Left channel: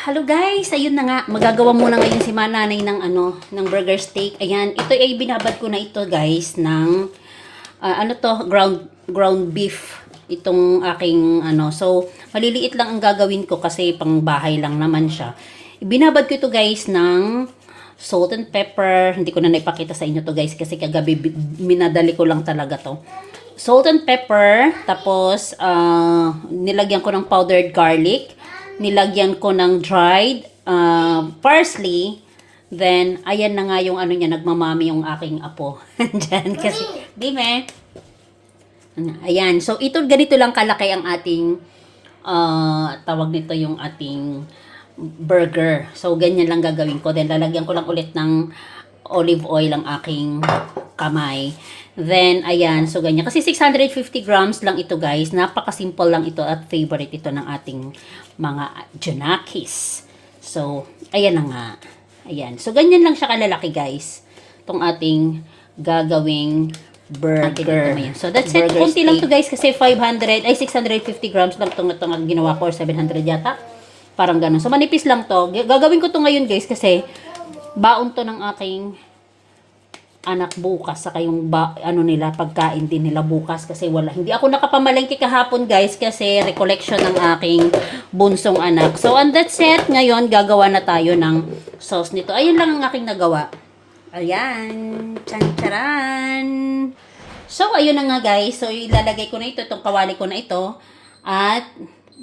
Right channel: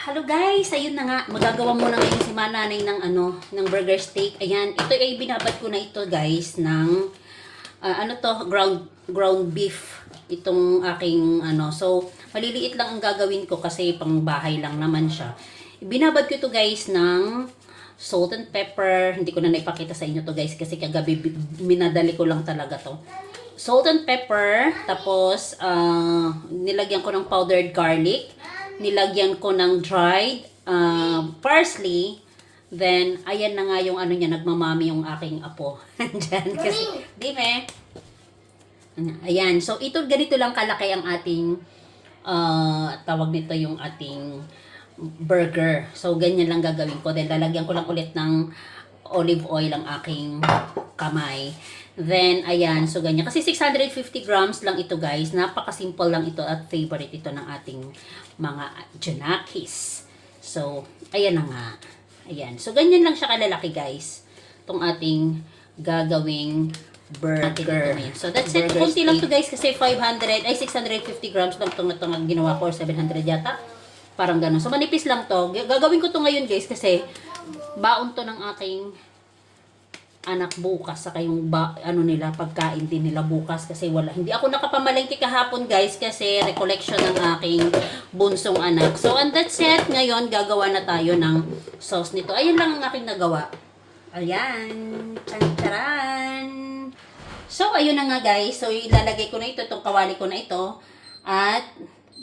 Hello guys, ayun na nga, magagawa muna ngayon si Mananay ng ng burger steak. Ayan, ito ay binabad ko na ito guys ng ground beef. Itong aking So maliliit lang ang gagawin ko kasi pang bahay lang naman siya. Ibinabad ko ito guys ng salt and pepper. Hindi ko na naipakita sa inyo to guys kasi kagabi minadali ko lang talaga to. Salt and pepper, tapos nilagyan ko ng powdered garlic. Nilagyan ko ng dried parsley. Then, ayan na nga yung niya, nagmamami yung aking apo. Andyan, kasi, di me? Ayan, so ito, ganito lang kalaki ang ating, tawag nito yung ating burger. So, ganyan lang gagawin ko. Then, lalagyan ko lang ulit ng olive oil ang aking kamay. Then, ayan. So, ganyan. Kasi 650 grams lang ito, guys. Napaka-simple lang ito at favorite ito ng ating mga Junakis. So, ayan na nga. Ayan. So, ganyan lang siya kalalaki, guys. Itong ating gagawing burger. So, that's it. Kunti lang to guys, kasi 650 grams lang itong ginawa ko, or 700 yata. Parang ganun. So, manipis lang to. Gagawin ko to ngayon, guys, kasi baon to ng aking anak bukas, saka yung nila, pagkain din nila bukas, kasi hindi ako nakapamalengke kahapon guys kasi recollection ng aking bunsong anak. So on that set, ngayon gagawa na tayo ng sauce nito. Ayun lang ang aking nagawa. Ayan, tsan-tsaran. So ayun na nga guys, so ilalagay ko na ito, itong kawali ko na ito, at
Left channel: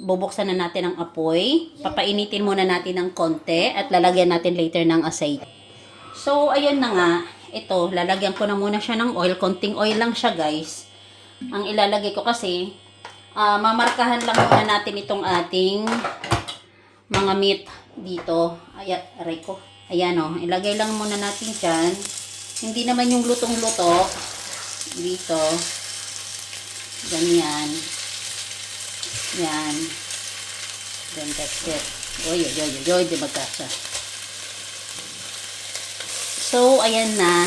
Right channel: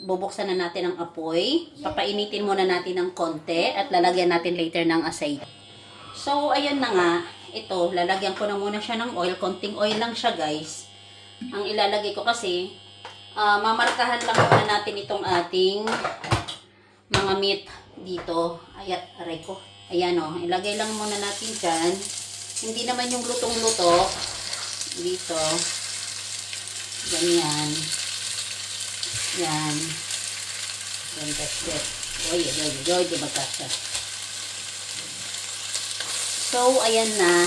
bubuksan na natin ang apoy. Papainitin muna natin ng konti at lalagyan natin later ng asay. So ayun na nga. Ito, lalagyan ko na muna siya ng oil. Konting oil lang siya, guys. Ang ilalagay ko kasi, mamarkahan lang muna natin itong ating mga meat dito. Ayan, aray ko. Ayan o, ilagay lang muna natin dyan. Hindi naman yung lutong-luto. Dito. Ganyan. Yan. Then that's it. Oy, di ba kasha? So, ayan na.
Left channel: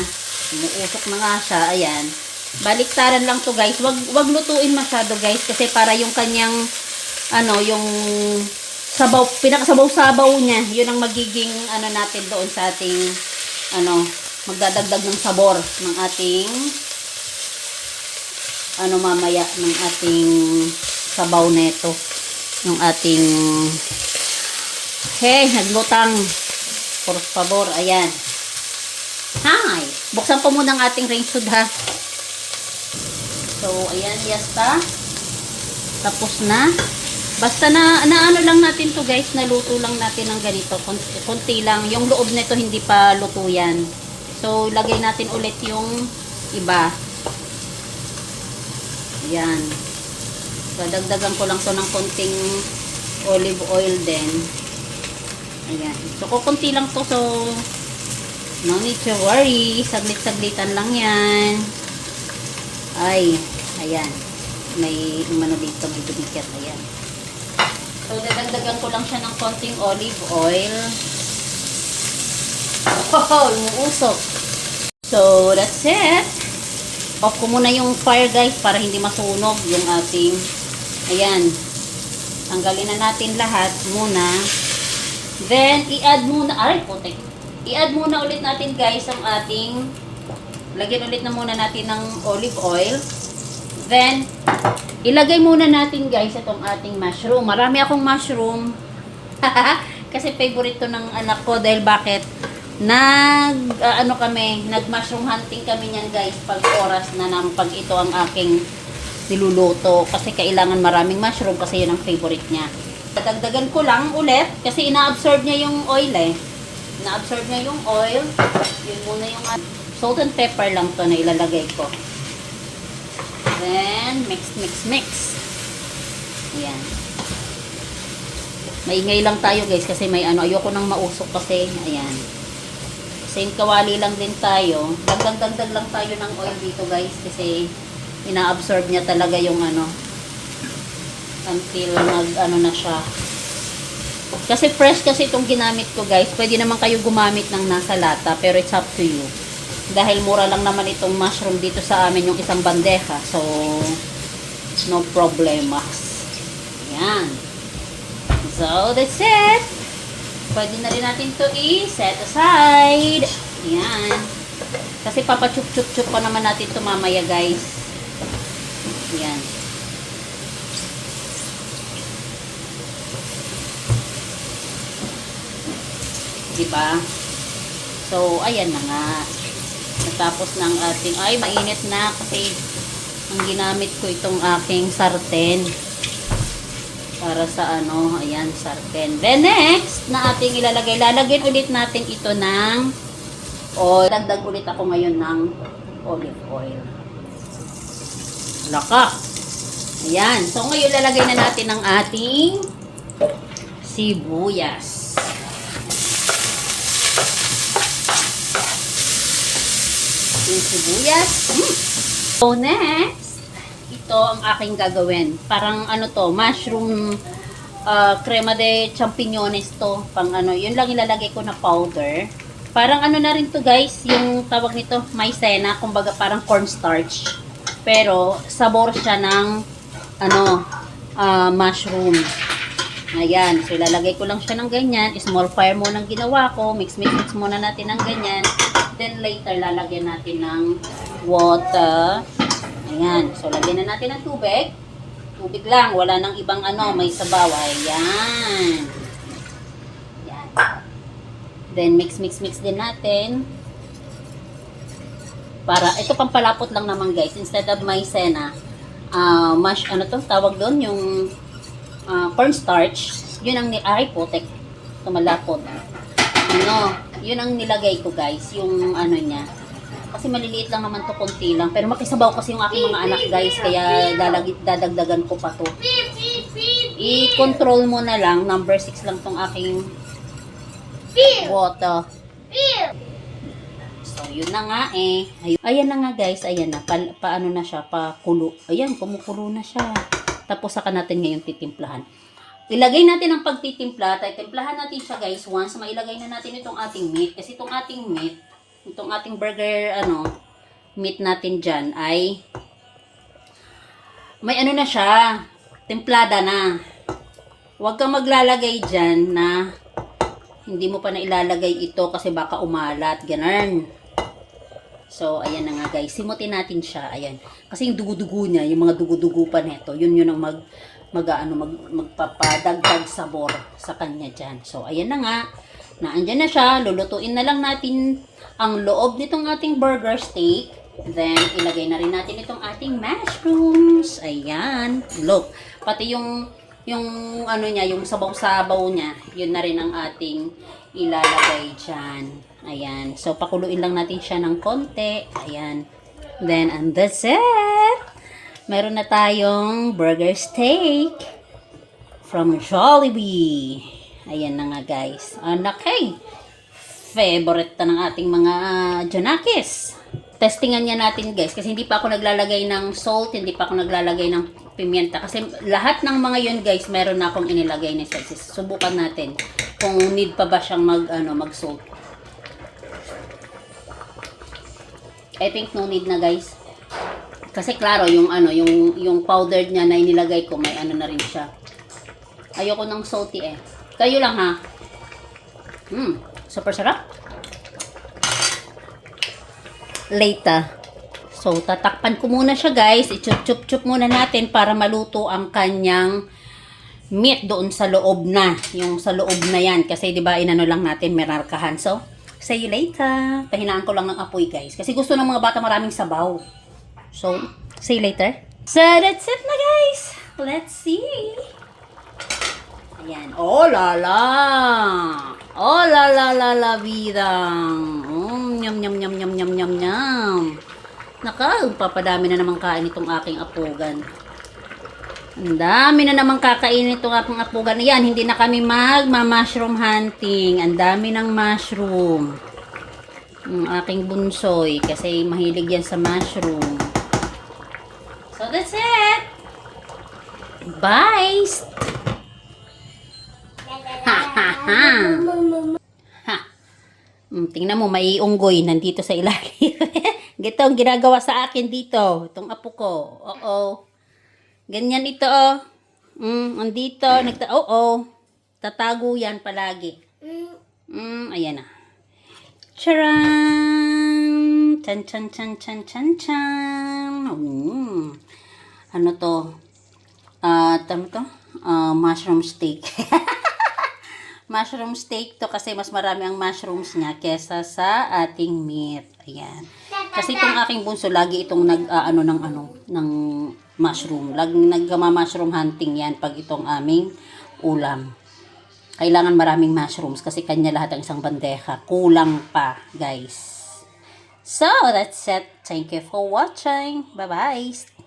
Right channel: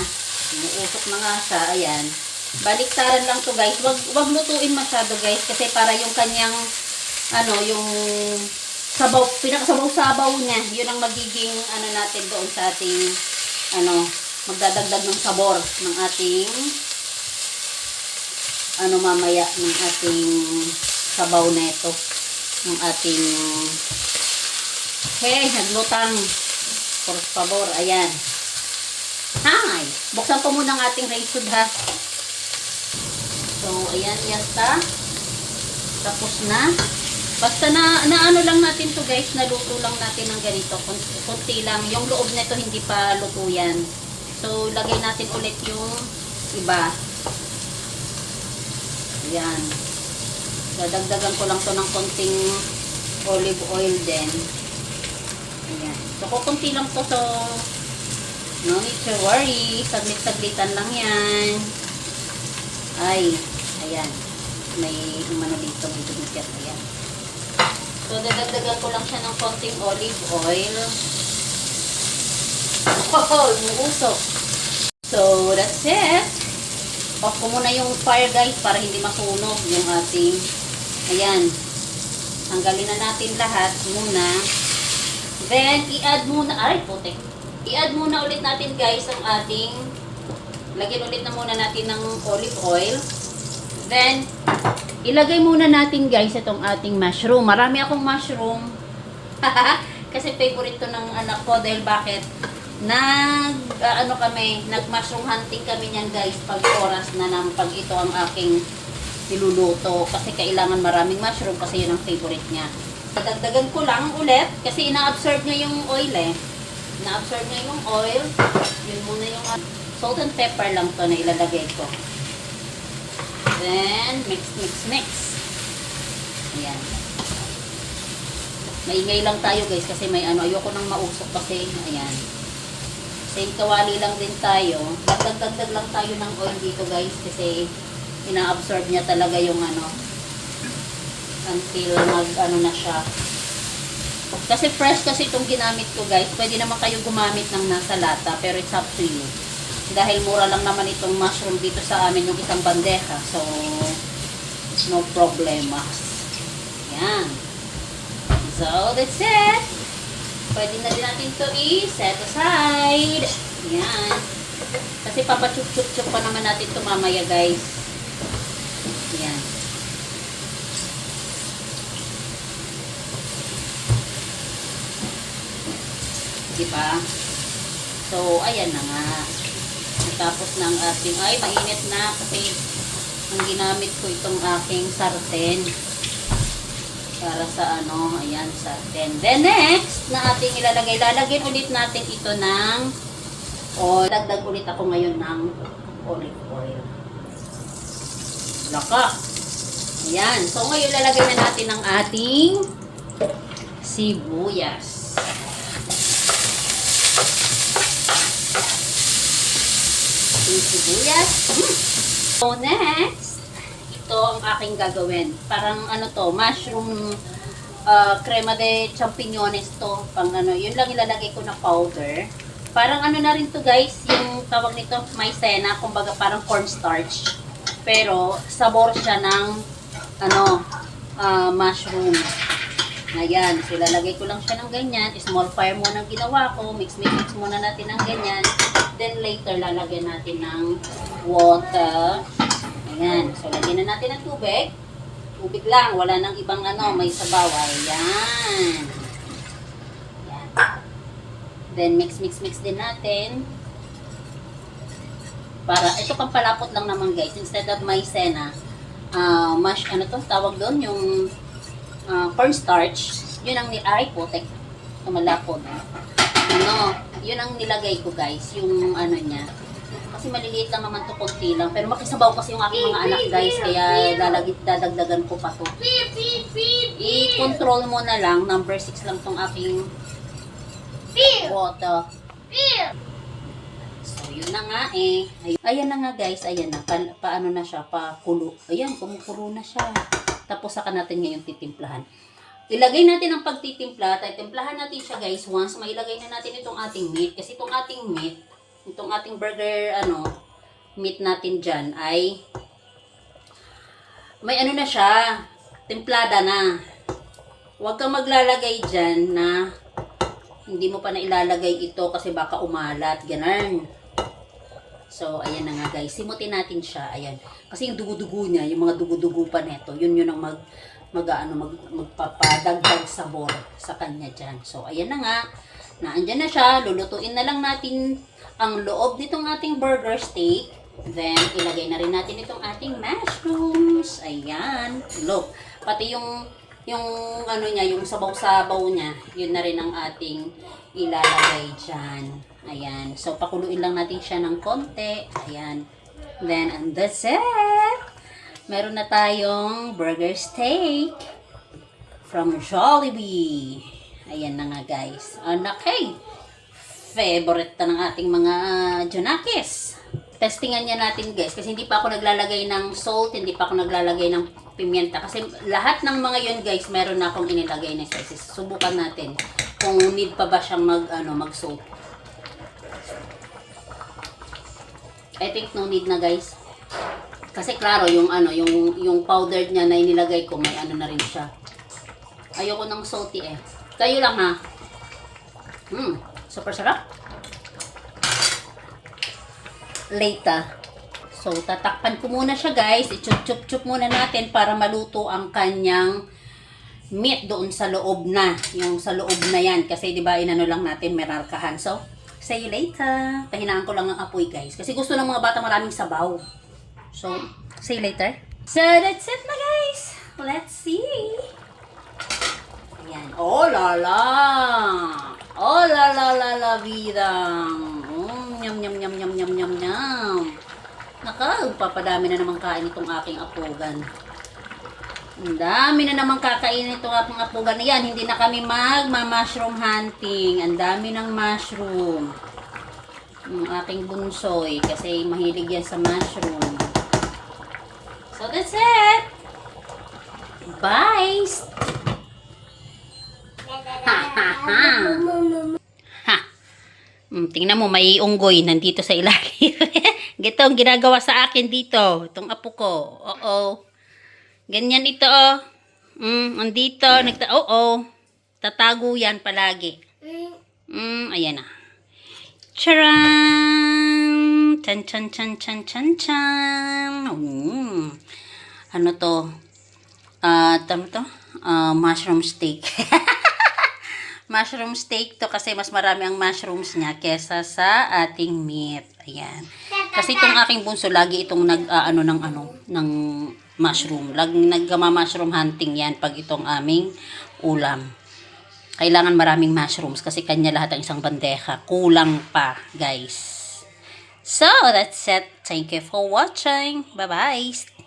Umuusok na nga siya. Ayan. Baliktaran lang to guys. Wag lutuin masyado guys. Kasi para yung kanyang, yung sabaw, pinakasabaw-sabaw niya. Yun ang magiging, natin doon sa ating, magdadagdag ng sabor ng ating, mamaya, ng ating sabaw neto. Ng ating, naglutang. Por favor, ayan. Hi! Buksan ko muna ang ating range hood ha. So, ayan, yasta. Tapos na. Basta na lang natin to guys, naluto lang natin ng ganito. Kunti lang. Yung loob nito hindi pa luto yan. So, lagay natin ulit yung iba. Ayan. So, dagdagan ko lang to ng konting olive oil din. Ayan. So, kukunti lang to. So, no need to worry. Saglit-saglitan lang yan. Ay, ayan. May dito bigat. Ayan. So, dadagdagan ko lang siya ng konting olive oil. Oh, umuusok. So, that's it. Off ko muna yung fire guys para hindi masunog yung ating, ayan. Tanggalin na natin lahat muna. Then, i-add muna, i-add muna ulit natin guys ang ating, lagyan ulit na muna natin ng olive oil. Then, ilagay muna natin guys itong ating mushroom. Marami akong mushroom. Kasi favorite to ng anak ko. Dahil bakit? Nag-mushroom hunting kami niyan guys pag oras na pag ito ang aking niluluto. Kasi kailangan maraming mushroom kasi yun ang favorite niya. Dadagdagan ko lang ulit kasi ina-absorb niya yung oil Na-absorb niya yung oil. Yun muna yung salt and pepper lang to na ilalagay ko. Then, mix. Ayan. Maingay lang tayo guys kasi may ayoko nang mausok kasi. Ayan. Same kawali lang din tayo. Dagdag lang tayo ng oil dito guys kasi ina-absorb niya talaga yung until na siya. Kasi fresh kasi itong ginamit ko guys. Pwede naman kayo gumamit ng nasa lata. Pero it's up to you. Dahil mura lang naman itong mushroom dito sa amin yung isang bandeja. So, no problemas. Yan. So, that's it. Pwede na rin natin to i-set aside. Ayan. Kasi papachup-chup-chup pa naman natin to mamaya, guys. Ayan. Diba? So, ayan na nga. Natapos ng ating, ay, mainit na kasi yung ginamit ko itong aking sarten. Para sa ano, ayan, sarten. Then next, na ating ilalagay, lalagyan ulit natin ito ng, dagdag ulit ako ngayon ng olive oil. Laka. Ayan. So, ngayon lalagay na natin ang ating sibuyas. Ating sibuyas. So, next, ito ang aking gagawin. Parang ano to, mushroom crema de champiñones to. Pang ano, yun lang ilalagay ko na powder. Parang ano na rin to guys, yung tawag nito, maizena, kumbaga parang cornstarch. Pero, sabor siya ng, ano, mushroom. Ayan, so ilalagay ko lang siya ng ganyan. Small fire muna ang ginawa ko. Mix muna natin ng ganyan. Then later, lalagyan natin ng water. Ayan, so lagyan na natin ng tubig. Tubig lang, wala nang ibang ano, may sabaw. Ayan. Ayan. Then mix din natin. Para, ito pampalapot lang naman guys. Instead of maizena, ano to, tawag doon, yung cornstarch. Yun ang, aray putek, tumalapot. Ano, yun ang nilagay ko guys, yung ano niya. Kasi maliliit lang naman to, konti lang. Pero makisabaw kasi yung aking mga anak guys, kaya dadagdagan ko pa to. I-control mo na lang, number 6 lang tong aking water. So, yun na nga eh. Ayan na nga guys, ayan na. Paano na siya, pakulo. Ayan, kumukulo na siya. Tapos saka natin ngayon titimplahan. Ilagay natin ang pagtitimpla. Timplahan natin siya guys once mailagay na natin itong ating meat. Kasi itong ating meat, itong ating burger, meat natin dyan ay may ano na siya, templada na. Huwag kang maglalagay dyan na hindi mo pa na ilalagay ito kasi baka umalat. Ganun. So, ayan na nga guys. Simutin natin siya. Ayan. Kasi yung dugo-dugo niya, yung mga dugo-dugo pa neto, yun ang magpapadagdag sabor sa kanya dyan. So, ayan na nga. Naandyan na siya. Lulutuin na lang natin ang loob nitong ating burger steak. Then, ilagay na rin natin itong ating mushrooms. Ayan. Look. Pati yung ano niya, yung sabaw-sabaw niya, yun na rin ang ating ilalagay dyan. Ayan. So, pakuluin lang natin siya ng konti. Ayan. Then, and that's it. Meron na tayong burger steak from Jollibee. Ayan na nga guys. Anak, hey! Favorite na ng ating mga Janakis. Testingan niya natin guys. Kasi hindi pa ako naglalagay ng salt. Hindi pa ako naglalagay ng pimienta. Kasi lahat ng mga yun guys, meron na akong inilagay na spices. Subukan natin kung need pa ba siyang mag-salt. I think no need na guys. Kasi klaro yung powdered niya na inilagay ko, may ano na rin siya. Ayoko ng salty eh. Kayo lang ha. Super sarap. Later. So, tatakpan ko muna siya guys. I-chup-chup-chup muna natin para maluto ang kanyang meat doon sa loob na. Yung sa loob na yan. Kasi diba inano lang natin, merarkahan. So, see you later. Pahinaan ko lang ang apoy guys. Kasi gusto ng mga bata maraming sabaw. So, see you later. So, that's it na guys. Let's see. Ayan. Oh la la. Oh la la la la vida. Nyam nyam nyam nyam nyam nyam nyam. Naka, papadami na naman kain itong aking apugan. Ang dami na naman kakain itong aking apugan. Ayan, hindi na kami mushroom hunting. Ang dami ng mushroom. Ang aking bunsoy. Kasi mahilig yan sa mushroom. So, that's it. Bye. Ha, ha, ha. Ha. Tingnan mo, may unggoy nandito sa ilalim. Gito ang ginagawa sa akin dito. Itong apo ko. Oo. Ganyan ito, oh. Andito. Oo. Tatago yan palagi. Ayan na. Charan! Chan chan chan chan chan chan. Ano to? Tama to? Mushroom steak. Mushroom steak to kasi mas marami ang mushrooms niya kesa sa ating meat. Ayan. Kasi itong aking bunso lagi itong ng mushroom. Laging nagma-mushroom hunting yan pag itong aming ulam. Kailangan maraming mushrooms kasi kanya lahat ang isang bandeja. Kulang pa, guys. So, that's it. Thank you for watching. Bye-bye.